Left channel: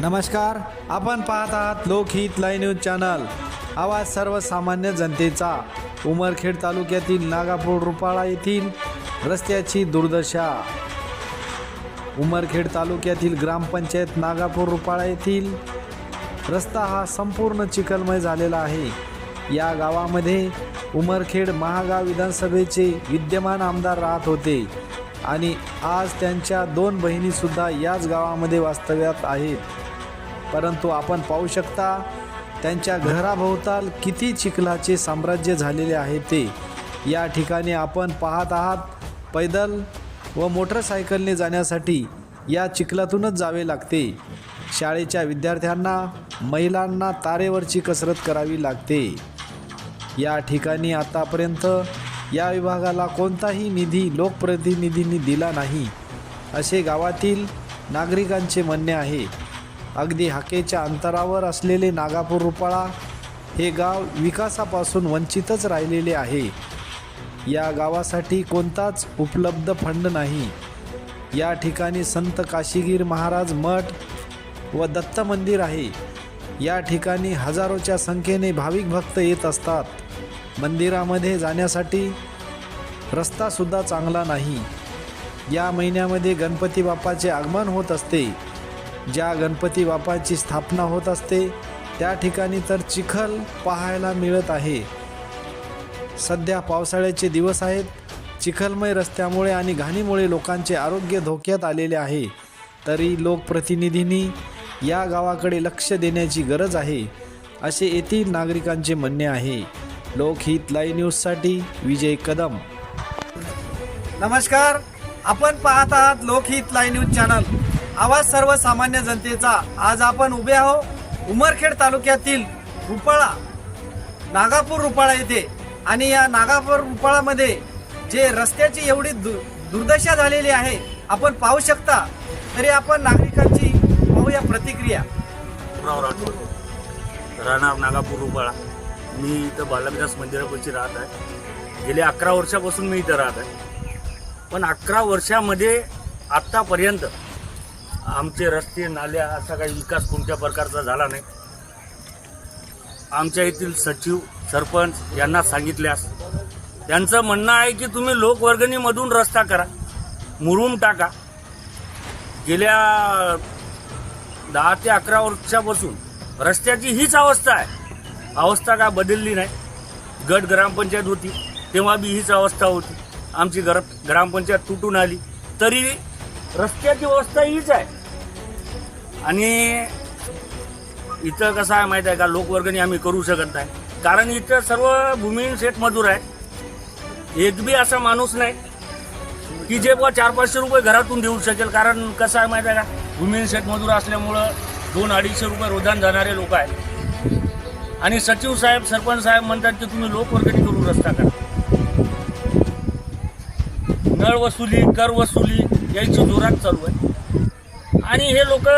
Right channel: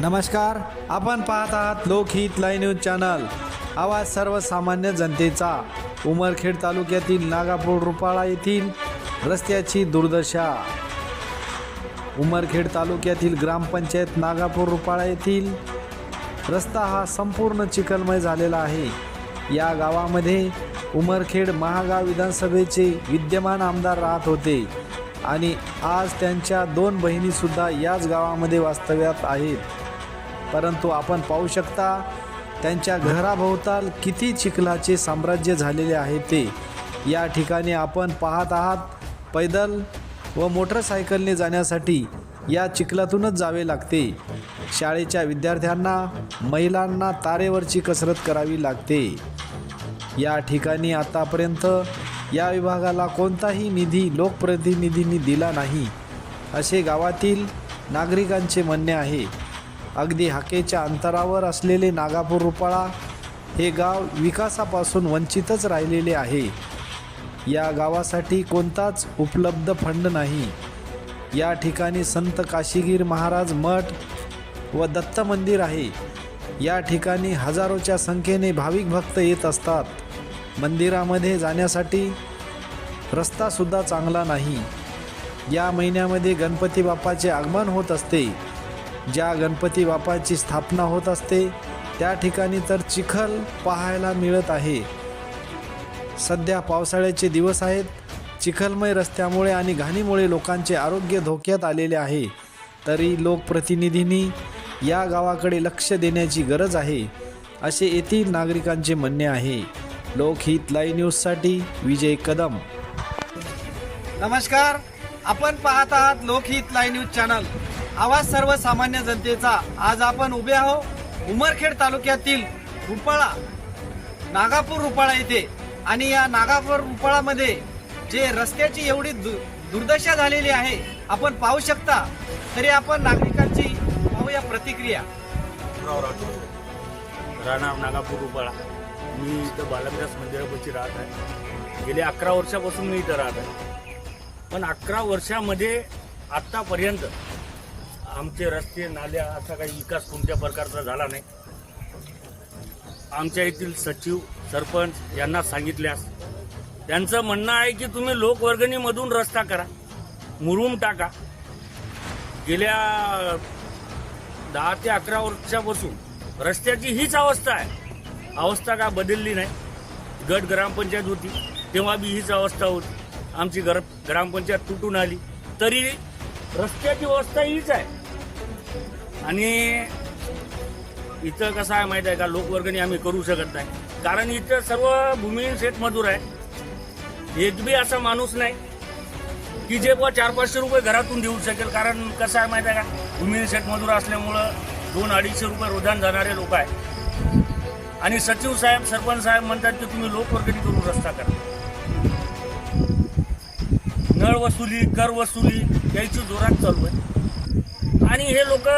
नमस्कार आपण पाहत आहात लोकहित लाईव्ह न्यूज चॅनल. आवाज सर्वसामान्य जनतेचा. उमरखेड तालुक्यातील नागापूर रुपाळा येथील रस्त्याची दुर्दशा. उमरखेड तालुक्यातील ग्रामपंचायत नागापूर रुपाळा येथील रस्ता हा संपूर्ण चिखलमय झालेला आहे. या गावामध्ये उमरखेड महागाव विधानसभेचे विद्यमान आमदार राहत होते. आणि आज त्यांच्या दोन बहिणीसुद्धा याच गावामध्ये वास्तव्यात आहेत. परंतु आपण पाहू शकता त्यांच्या घराभोवताल किती चिखलाचे साम्राज्य झालेले आहे ते. या ठिकाणी आपण पाहत आहात पैदल व मोटरसायकलने जाण्यासाठी या चिखलातूनच जावे लागते. शाळेच्या विद्यार्थ्यांना महिलांना तारेवरची कसरत करावी लागते. या ठिकाणी आतापर्यंत या विभागाला कोणताही निधी लोकप्रतिनिधींनी दिला नाही असे गावातील नागरिकांचे म्हणणे आहे. अगदी हाकेच्या अंतरावर असलेले नागापूर रुपाळा हे गाव विकासापासून वंचितच राहिलेले आहे. या गावासाठी कोणताच उपलब्ध फंड नाही. या ठिकाणी संत काशीगीर महाराज मठ व दत्त मंदिर आहे. या ठिकाणी हजारोच्या संख्येने भाविक भक्त येत असतात. मंदिरामध्ये जाण्यासाठी रस्तासुद्धा चांगला नाही. या महिन्यामध्ये गणपती बाप्पाचे आगमन होत असते. ज्या गणपती बाप्पाची स्थापना होत असते त्या ठिकाणी तर चिखल पाहायला मिळत आहे. सध्या पावसाळ्याचे दिवस आहेत. चिखलमय रस्त्यामुळे आणि घाणीमुळे लोकांचे आरोग्य धोक्यात आलेले आहे. तरी लोकप्रतिनिधींनी या गावाकडे लक्ष देण्याची गरज आहे असे येथील नागरिकांचे म्हणणे आहे. लोकहित लाईव्ह न्यूजसाठी विजय कदम. नमस्कार आपण पाहत आहात लोकहित लाईव्ह न्यूज चॅनल. आवाज सर्वसामान्य जनतेचा. आज आपण उभे आहोत उमरखेड तालुक्यातील रुपाळा नागापूर रुपाळा येथे. आणि या नागापूर रुपाळामध्ये जे रस्त्याची एवढी दु- दुर्दशा झालेली आहे आपण पाहू शकता. तरी आपण नागरिकांची पाहूया प्रतिक्रिया. राव राठोड राहणार नागापूर उपाळा मी इथं बालमदास मंदिरापाशी राहत आहे. गेल्या अकरा वर्षापासून मी इथं राहत आहे. पण अकरा वर्षामध्ये आत्तापर्यंत आमचे रस्ते नाल्या असा काही विकास कोणत्या प्रकारचा झाला नाही. आमच्या येथील सचिव सरपंच यांना सांगितल्यास त्यांचं म्हणणं आहे की तुम्ही लोकवर्गणीमधून रस्ता करा मुरुम टाका. गेल्या दहा ते अकरा वर्षापासून रस्त्याची हीच अवस्था आहे. अवस्था का बदलली नाही. गट ग्रामपंचायत होती तेव्हा बी हीच अवस्था होती. आमची घर ग्रामपंचायत तुटून आली. तरी रस्त्याची अवस्था हीच आहे. आणि इथं कसं आहे माहीत आहे का? लोकवर्गणी आम्ही करू शकत नाही. कारण इथं सर्व भूमिहीन शेत मजूर आहे एक बी असा माणूस नाही की जे पण चार पाचशे रुपये घरातून देऊ शकेल. कारण कसं आहे माहिती आहे का? भूमिहीन शेतमजूर असल्यामुळं दोन अडीचशे रुपये रोजान जाणारे लोक आहेत. आणि सचिव साहेब सरपंच साहेब म्हणतात की तुम्ही लोकवर्गणी करून रस्ता करा. नळ वसुली कर वसुली यांची जोरात चालू आहे. आणि हे लोक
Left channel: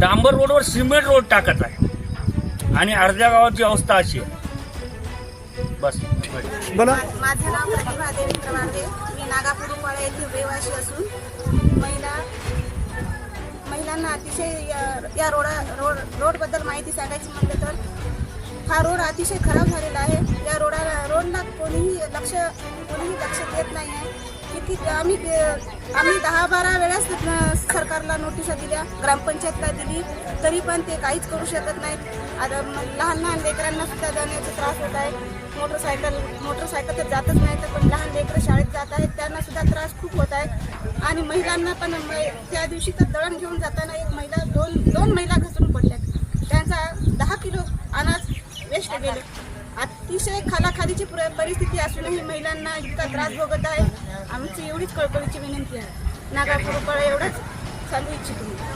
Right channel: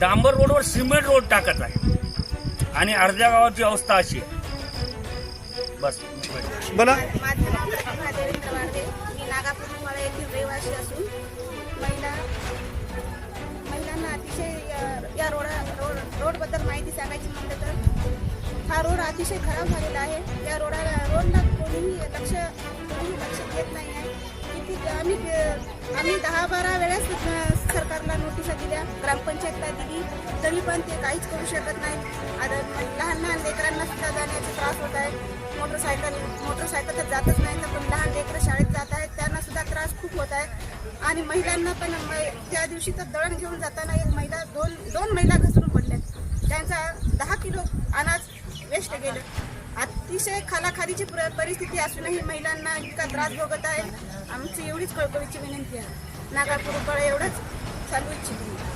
डांबर रोडवर सिमेंट रोड टाकत आहे आणि अर्ध्या गावाची अवस्था अशी आहे. बस. बोला माझं नाव प्रतिभा देवी कवाडे मी नागापूर रहिवासी असून महिला महिलांना अतिशय या- रोडा रोड रोडबद्दल माहिती सांगायची म्हटलं तर हा रोड अतिशय खराब झालेला आहे. या रोडाला रोडला कोणीही लक्ष कोणीही लक्ष देत नाही आहे. किती आम्ही आम्ही दहा बारा वेळाच सरकारला नोटिसा दिल्या ग्रामपंचायतला दिली. तरी पण ते काहीच करू शकत नाही. आता लहान लहान लेकरांना सुद्धा जाण्याचा त्रास होत आहे. मोटरसायकल मोटरसायकल तर जातच नाही. तर लहान लेकरं शाळेत जात आहेत त्यांना सुद्धा त्रास आणि महिलांना पण त्या दिवशी तर दळण घेऊन जाताना एक महिला दोन दोन महिला घसरून पडल्या. त्यांचा दहा किलो अनाज वेस्ट गेले अतिशय खालाखालीची परिस्थिती असूनही महिलांना इतका त्रास भोगत आहे. आमची एवढीच कळकळीची विनंती आहे. नागापूर एवढंच. चालू इच्छितो